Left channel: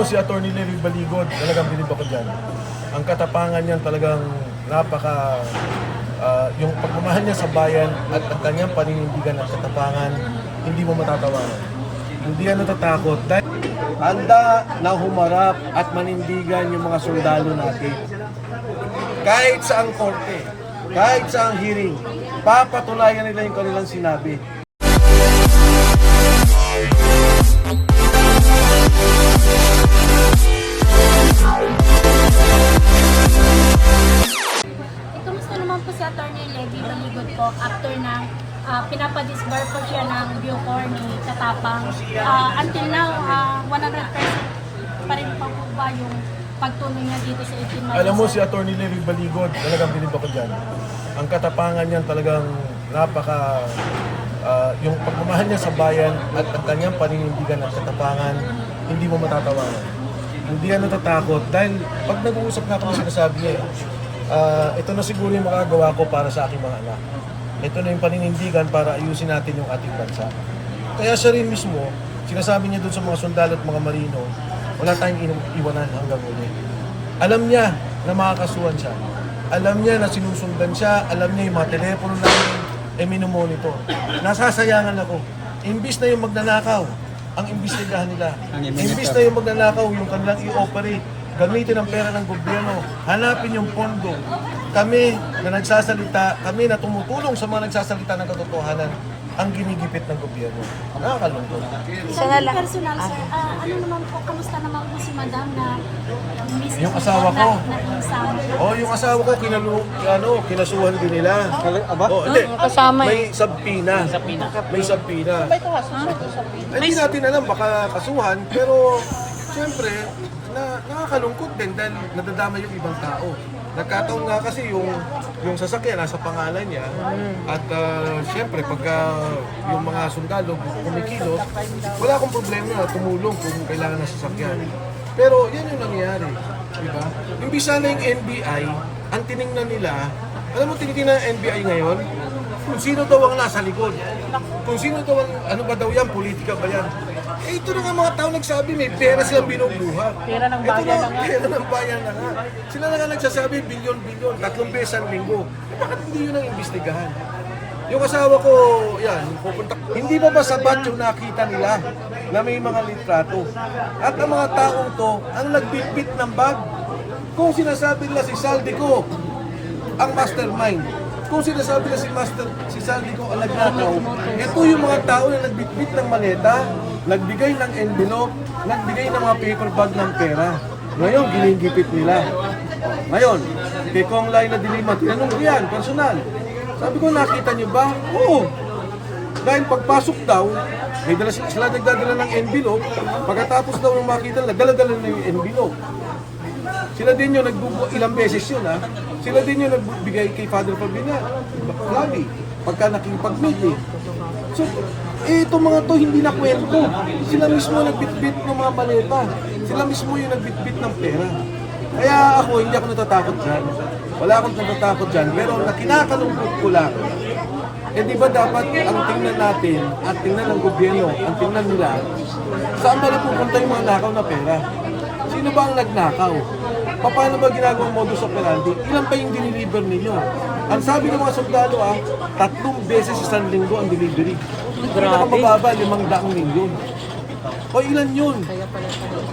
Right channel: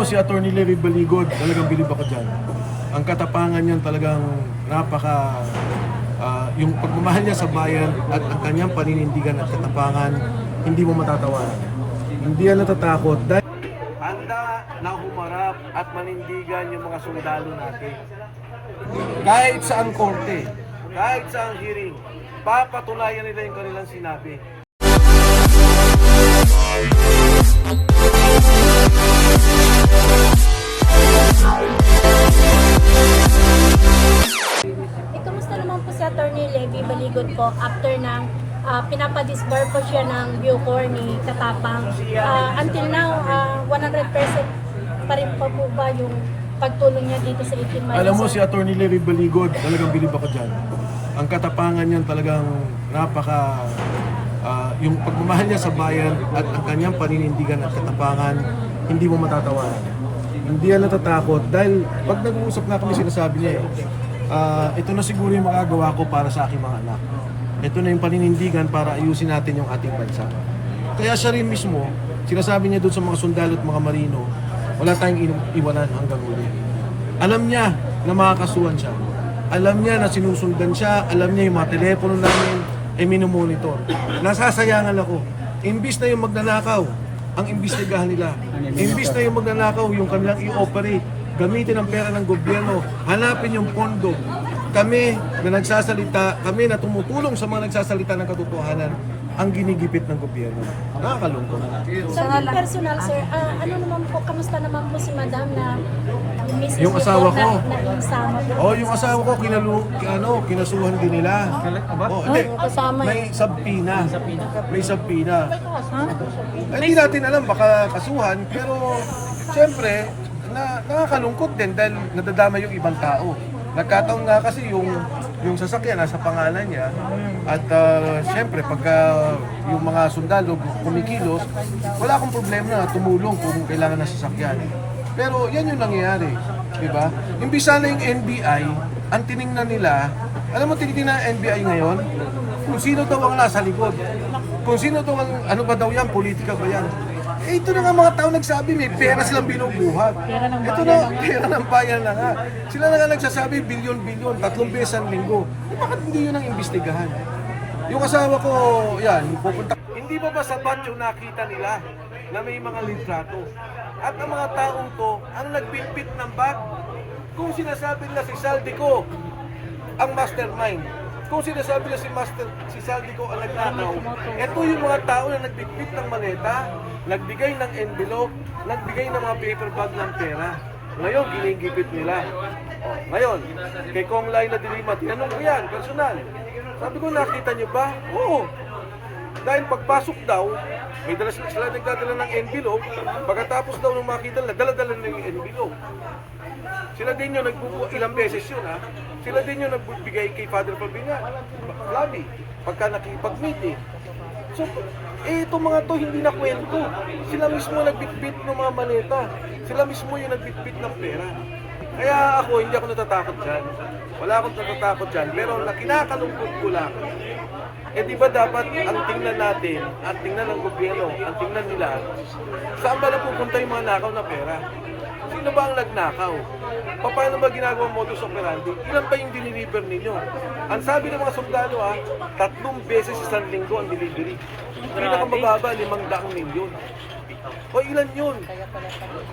Si Atty. Lery Baligod, talagang bilib ako dyan. Ang katapangan niyan talagang yung pagmamahal niya sa bayan at ang kanyang paninindigan at katapangan, hindi mo matatawanan. Hindi yan natatakot dahil handa na humarap at manindigan yung mga sundalo natin. Kahit sa ang korte, kahit sa ang hearing, papatunayan nila yung kanilang sinabi. Kumusta naman po si Atty. Lery Baligod po after ng pinapadisbar po siya ng Bucor ni Katapang. Until now, 100% pa rin po ba yung pagtulong niya dito sa 18 months? Alam mo, si Atty. Lery Baligod, talagang bilib ako dyan. Ang katapangan niyan talagang yung pagmamahal niya sa bayan at ang kanyang paninindigan at katapangan, hindi mo matatawanan. Hindi yan natatakot dahil pag nag-uusap na kami, sinasabi niya ito na siguro yung magagawa ko para sa aking mga anak. Ito na yung paninindigan para ayusin natin yung ating bansa. Kaya siya rin mismo, sinasabi niya doon sa mga sundalo at mga marino, wala tayong iwanan hanggang uli. Alam niya na makakasuhan siya. Alam niya na sinusundan siya. Alam niya yung mga telepono namin minomonitor. Nasasayangan ako. Imbis na yung magnanakaw, ang imbestigahan nila. Imbis na yung magnanakaw, yung kanilang i-operate, gamitin ang pera ng gobyerno, hanapin yung pondo. Kami na nagsasalita, kami na tumutulong sa mga nagsasalita ng katotohanan, ang ginigipit ng gobyerno. Nakakalungkot. Sa personal, sir, ano naman po, kamusta naman po si Madam na misis Yung asawa ko. Yung asawa ko, kinasuhan din nila. Hindi. May sabpina. May sabpina. Hindi natin alam, baka kasuhan, pero siyempre, nakakalungkot din dahil nadadama yung ibang tao. Nagkataon nga kasi yung sasakyan nasa pangalan niya at siyempre pagka yung mga sundalo kumikilos, wala akong problema na tumulong kung kailangan ng sasakyan. Pero yan yung nangyayari, di ba? Imbis sana yung NBI, ang tiningnan nila, alam mo tinitingnan ng NBI ngayon, kung sino daw ang nasa likod. Kung sino daw ang, ano ba daw yan, politika ba yan? Ito na nga mga tao nagsabi, may pera silang binubuhat. Ito na, pera ng bayan na nga. Sila na nga nagsasabi, bilyon-bilyon, 3 beses ang linggo. Bakit hindi yun ang imbestigahan? Yung asawa ko, yan, pupunta. Hindi ba sapat yung nakita nila na may mga litrato? At ang mga taong to, ang nagbitbit ng bag. Kung sinasabi nila si Saldico, ang mastermind, kung sinasabi na si Saldico ang nagnakaw, ito yung mga tao na nagbitbit ng maleta, nagbigay ng envelope, nagbigay ng mga paper bag ng pera. Ngayon, ginigipit nila. Ngayon, kay Kong Lai na Dilima, tinanong ko yan, personal. Sabi ko, nakita niyo ba? Oo. Dahil pagpasok daw, may dala sila nagdadala ng envelope, pagkatapos daw ng makita nila, dala-dala na yung envelope. Sila din yung ilang beses yun, ha? Sila din yung nagbigay kay Father Pabina, Flavi, pagka nakipag-meet. So, itong mga to hindi na kwento. Sila mismo nagbitbit ng mga maleta. Sila mismo yung nagbitbit ng pera. Kaya ako, hindi ako natatakot dyan. Wala akong natatakot dyan. Pero kinakalungkot ko lang. Di ba dapat ang tingnan natin at tingnan ng gobyerno, ang tingnan nila, saan ba napupunta yung mga nakaw na pera? Sino ba ang nagnakaw? Paano ba ginagawang modus operandi? Ilan ba yung diniliver ninyo? Ang sabi ng mga sundalo 3 beses isang linggo ang delivery. Pinakamababa, 500 milyon. O ilan yun?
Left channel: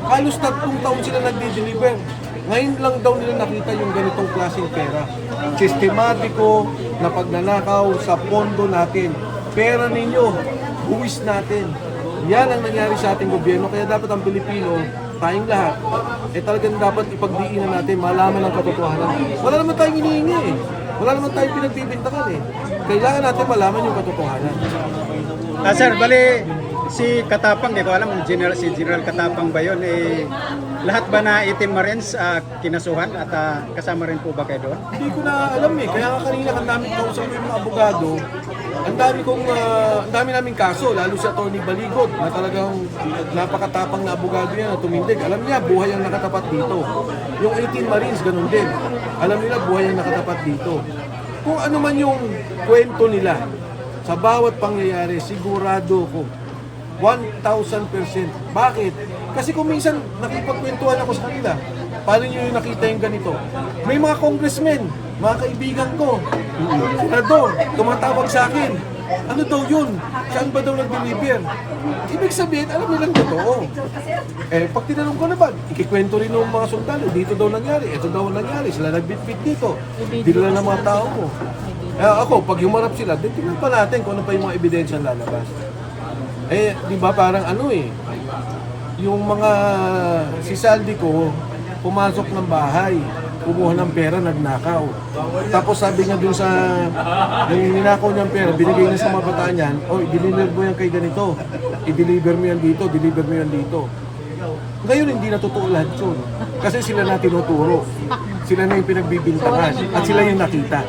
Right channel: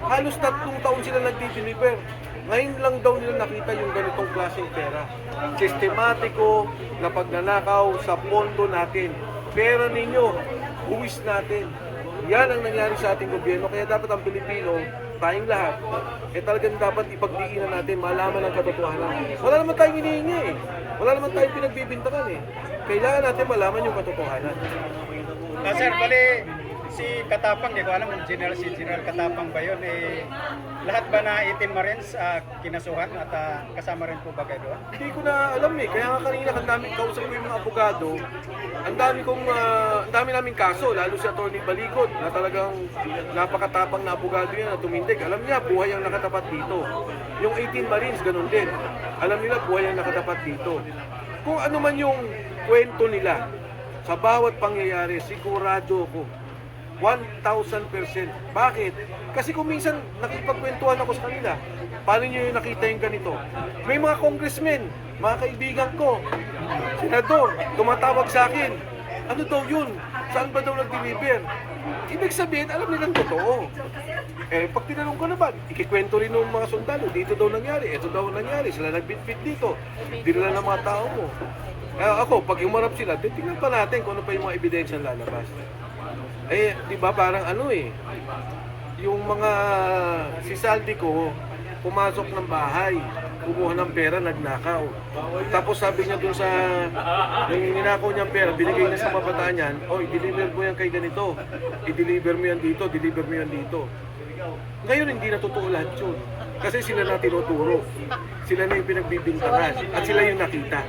Halos 3 taon sila nagde-deliver. Ngayon lang daw nila nakita yung ganitong klaseng pera. Sistematiko na pagnanakaw sa pondo natin. Pera ninyo, buwis natin. Yan ang nangyari sa ating gobyerno. Kaya dapat ang Pilipino, tayong lahat, talagang dapat ipagdiinan natin, malaman ang katotohanan. Wala naman tayong hinihingi eh. Wala naman tayong pinagbibintakan eh. Kailangan natin malaman yung katotohanan. Sir, bali, si Katapang, di ko alam kung si General Katapang ba yun, lahat ba na 18 Marines kinasuhan at kasama rin po ba kayo doon? Hindi ko na alam eh. Kaya nga kanina kung namin kausap yung mga abogado, ang dami naming kaso, lalo si Atty. Baligod, na talagang napakatapang na abogado yan na tumindig. Alam niya, buhay ang nakatapat dito. Yung 18 Marines, ganun din. Alam nila, buhay ang nakatapat dito. Kung ano man yung kwento nila, sa bawat pangyayari, sigurado ko, 1,000%. Bakit? Kasi kung minsan nakipagkwentuhan ako sa kanila, paano nyo yung nakita yung ganito? May mga congressmen, mga kaibigan ko, senador, tumatawag sa akin. Ano daw yun? Saan ba daw nag-deliver? Ibig sabihin, alam nilang totoo. Pag tinanong ko naman, ikikwento rin ng mga sundalo, dito daw nangyari, ito daw nangyari, sila nagbitbit dito, dinala ng mga tao mo. Ako, pag humarap sila, tingnan pa natin kung ano pa yung mga ebidensya lalabas. Di ba parang yung mga si Saldi ko, pumasok ng bahay, kumuha ng pera, nagnakaw. Tapos sabi niya dun sa, nang ninakaw niyang pera, binigay niya sa mga bataan yan, i-deliver mo yan kay ganito, i-deliver mo yan dito, deliver mo yan dito. Ngayon hindi na totoo lahat yun. Kasi sila na tinuturo. Sila na yung pinagbibintangan at sila yung nakita.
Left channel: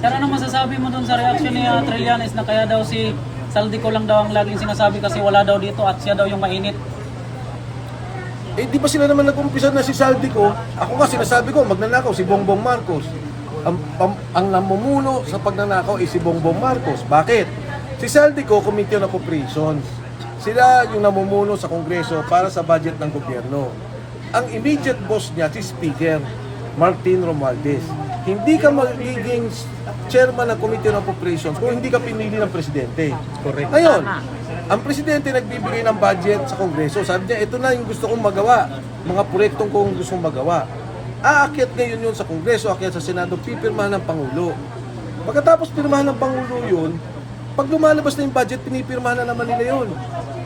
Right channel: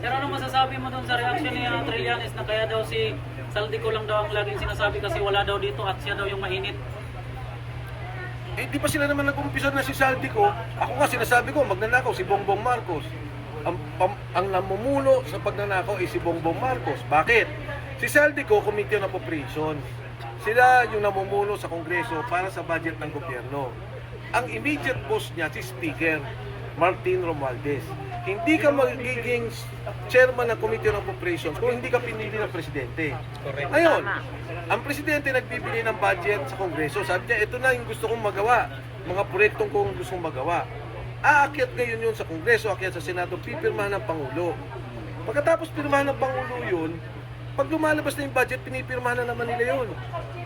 Sir, ano masasabi mo dun sa reaction ni Trillanes na kaya daw si Saldico lang daw ang laging sinasabi kasi wala daw dito at siya daw yung mainit? Di ba sila naman nag-umpisa na si Saldico? Ako nga sinasabi ko, magnanakaw si Bongbong Marcos. Ang namumuno sa pagnanakaw ay si Bongbong Marcos. Bakit? Si Saldico, Committee on Appropriations. Sila yung namumuno sa Kongreso para sa budget ng gobyerno. Ang immediate boss niya, si Speaker Martin Romualdez. Hindi ka magiging chairman ng Committee on Appropriations kung hindi ka pinili ng presidente. Correct. Ngayon, ang presidente nagbibigay ng budget sa Kongreso. Sabi niya, ito na yung gusto kong magawa. Mga proyektong kong gusto kong magawa. Aakyat ngayon yun sa Kongreso, aakyat sa Senado, pipirmahan ng Pangulo. Pagkatapos pirmahan ng Pangulo yun, pag lumalabas na yung budget, pinipirmahan na naman nila yun.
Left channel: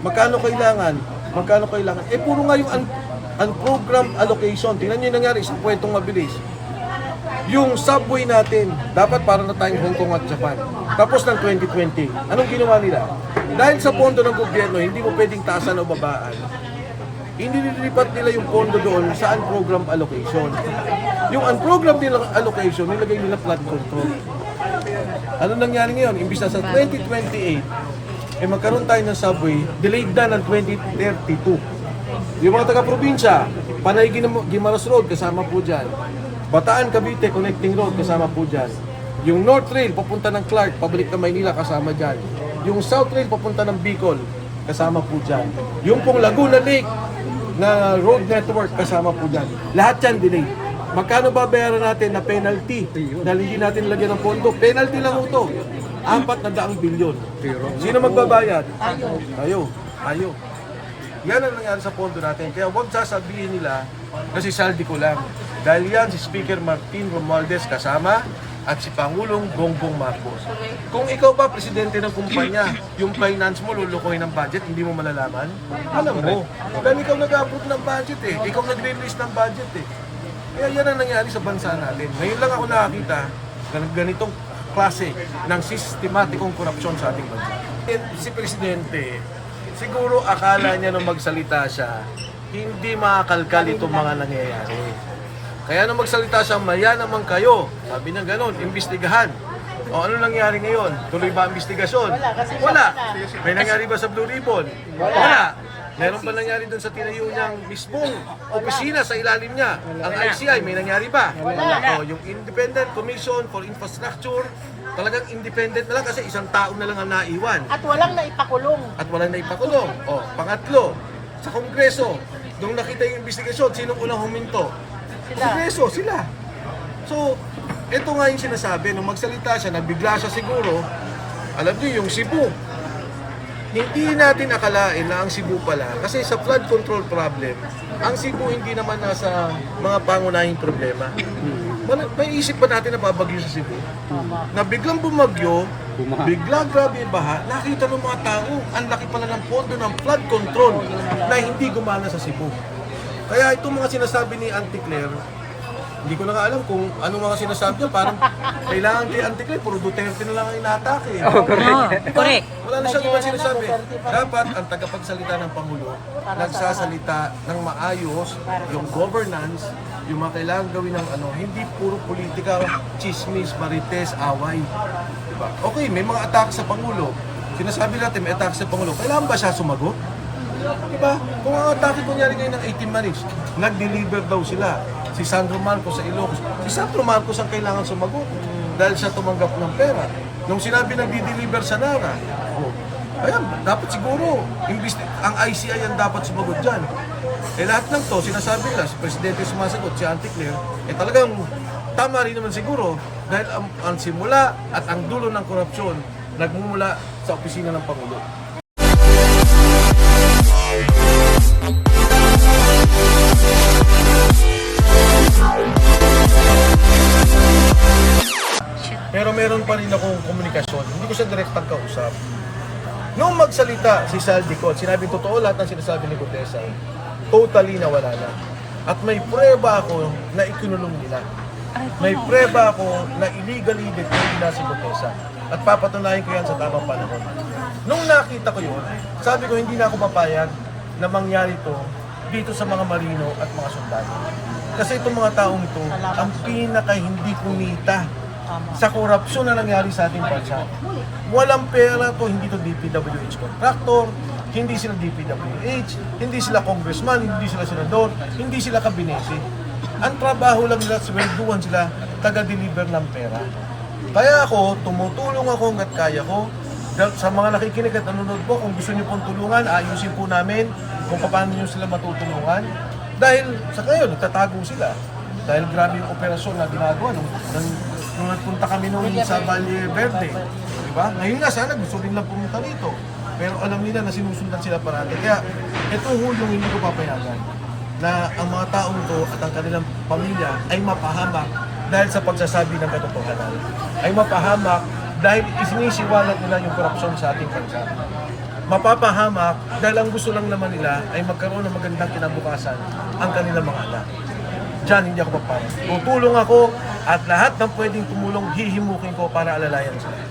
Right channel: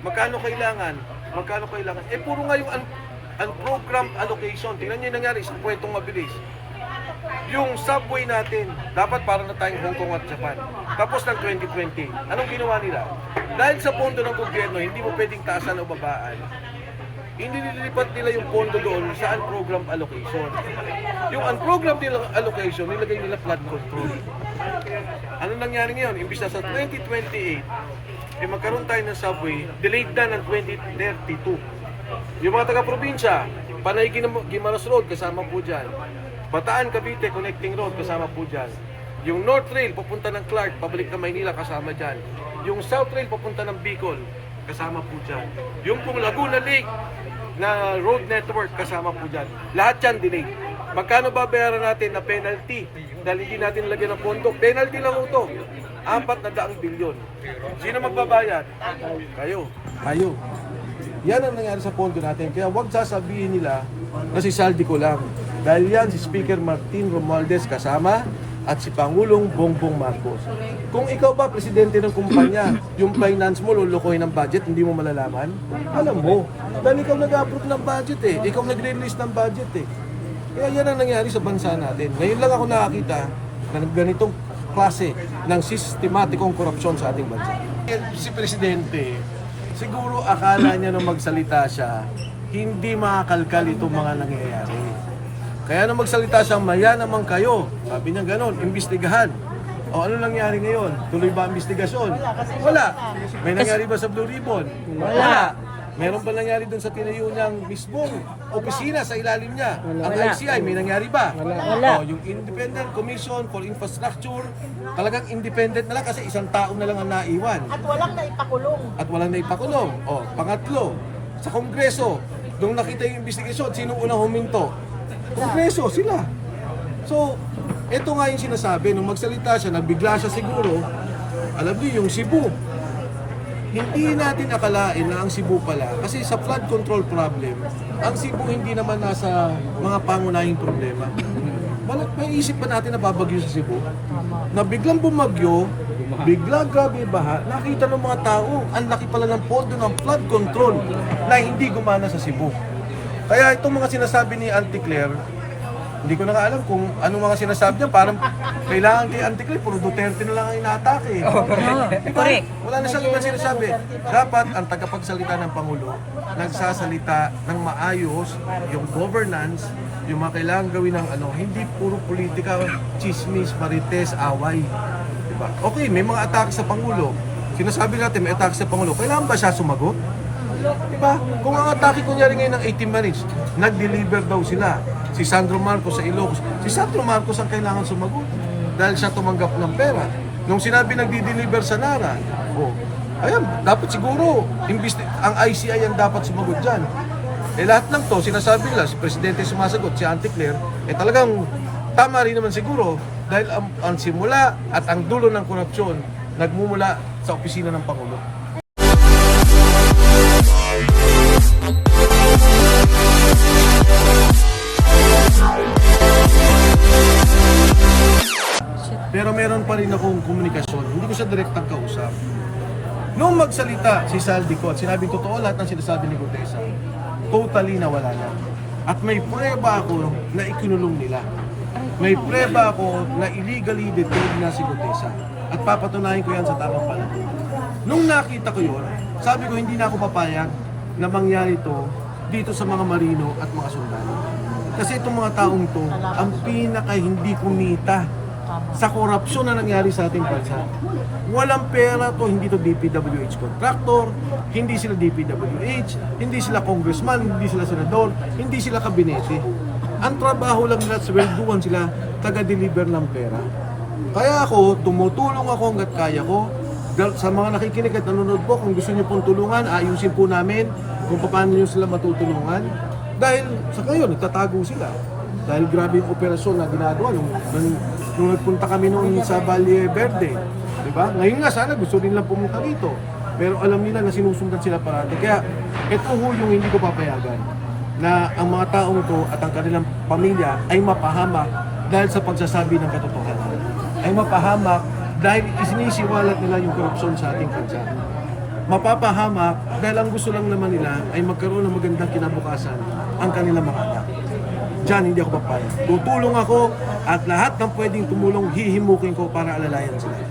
Magkano kailangan? Magkano kailangan? Puro nga yung unprogrammed allocation. Tingnan nyo yung nangyari, isang kwentong mabilis. Yung subway natin, dapat para na tayong Hong Kong at Japan. Tapos ng 2020, anong ginawa nila? Dahil sa pondo ng gobyerno, hindi mo pwedeng taasan o babaan. Hindi nililipat nila yung pondo doon sa unprogrammed allocation. Yung unprogrammed allocation, nilagay nila flood control. Ano nangyari ngayon? Imbis na sa 2028, magkaroon tayo ng subway, delayed na ng 2032. Yung mga taga-probinsya, Panay Guimaras Road, kasama po dyan. Bataan Cavite Connecting Road, kasama po dyan. Yung North Rail, papunta ng Clark, pabalik na Maynila, kasama dyan. Yung South Rail, papunta ng Bicol, kasama po dyan. Yung pong Laguna Lake na road network, kasama po dyan. Lahat yan delay. Magkano babayaran natin na penalty dahil hindi natin lagyan ng pondo? Penalty lang ito. 400 bilyon. Sino magbabayad? Kayo. Yan ang nangyari sa pondo natin. Kaya huwag sasabihin nila na si Saldico lang. Dahil yan si Speaker Martin Romualdez kasama at si Pangulong Bongbong Marcos. Kung ikaw pa presidente ng kumpanya, yung finance mo lulukoy ng budget, hindi mo malalaman? Alam mo. Dahil ikaw nag-approve ng budget eh. Ikaw nag-release ng budget eh. Kaya yan ang nangyari sa bansa natin. Ngayon lang ako nakakita na ganitong klase ng sistematikong korupsyon sa ating bansa. Si Presidente, siguro akala niya nung magsalita siya, hindi makakalkal itong mga nangyayari. Kaya nung magsalita siya, maya naman kayo. Sabi niya ganon, imbestigahan. O ano nangyari ngayon? Tuloy ba ang investigasyon? Wala. May nangyari ba sa Blue Ribbon? Wala. Meron ba nangyari dun sa tinayo niyang mismong opisina sa ilalim niya? Ang ICI, may nangyari ba? O, yung Independent Commission for Infrastructure, talagang independent na lang kasi isang tao na lang ang naiwan. At walang naipakulong. O, pangatlo, sa Kongreso, doon nakita yung investigasyon, sinong unang huminto? Kongreso, sila. So, ito nga yung sinasabi, nung magsalita siya, nagbigla siya siguro, alam niyo yung Cebu. Hindi natin akalain na ang Cebu pala, kasi sa flood control problem, ang Cebu hindi naman nasa mga pangunahing problema. May isip pa natin na babagyo sa Cebu? Na biglang bumagyo, biglang grabe yung baha, nakita ng mga tao, ang laki pala ng pondo ng flood control na hindi gumana sa Cebu. Kaya itong mga sinasabi ni Auntie Claire, hindi ko na alam kung ano mga sinasabi niya. Parang kailangan kay Auntie Claire, puro Duterte na lang ang inatake. Correct. Wala na siyang ibang sinasabi. Dapat ang tagapagsalita ng Pangulo, nagsasalita ng maayos, yung governance, yung mga kailangan gawin ng hindi puro politika, chismis, marites, away. Diba? Okay, may mga atake sa Pangulo. Sinasabi natin may atake sa Pangulo. Kailangan ba siya sumagot? Diba? Kung ang atake kunyari ngayon ng 18 minutes, nag-deliver daw sila. Si Sandro Marcos sa Ilocos. Si Sandro Marcos ang kailangan sumagot dahil siya tumanggap ng pera. Nung sinabi nagdi-deliver sa Nara, Ayan, dapat siguro, ang ICI ang dapat sumagot dyan. Lahat ng to, sinasabi nila, si Presidente sumasagot, si Auntie Claire, talagang tama rin naman siguro dahil ang simula at ang dulo ng korupsyon nagmumula sa opisina ng Pangulo. Pero meron pa rin akong komunikasyon. Hindi ko siya direktang kausap. Nung magsalita si Saldico at sinabing totoo lahat ng sinasabi ni Gutesa, totally nawala na. At may prueba ako na ikinulong nila. May prueba ako na illegally detained na si Gutesa. At papatunayan ko yan sa tamang panahon. Nung nakita ko yun, sabi ko hindi na ako papayag na mangyari to dito sa mga marino at mga sundalo. Kasi itong mga taong to, ang pinaka hindi kumita sa korupsyon na nangyari sa ating bansa. Walang pera to, hindi to DPWH contractor, hindi sila DPWH, hindi sila congressman, hindi sila senador, hindi sila kabinete. Ang trabaho lang nila, swelduhan sila, taga-deliver ng pera. Kaya ako, tumutulong ako hanggat kaya ko. Sa mga nakikinig at nanonood po, kung gusto niyo pong tulungan, ayusin po namin kung paano niyo sila matutulungan. Dahil sa ngayon, nagtatago sila. Dahil grabe yung operasyon na ginagawa nung nagpunta kami noon sa Valle Verde. Diba? Ngayon nga, sana gusto din lang pumunta dito. Pero alam nila na sinusundan sila parati. Kaya ito ho yung hindi ko papayagan na ang mga taong ito at ang kanilang pamilya ay mapahamak dahil sa pagsasabi ng katotohanan. Ay mapahamak dahil isinisiwalat nila yung korupsyon sa ating bansa. Mapapahamak dahil ang gusto lang naman nila ay magkaroon ng magandang kinabukasan ang kanilang mga anak. Diyan, hindi ako papayag. Tutulong ako at lahat ng pwedeng tumulong, hihimukin ko para alalayan sila.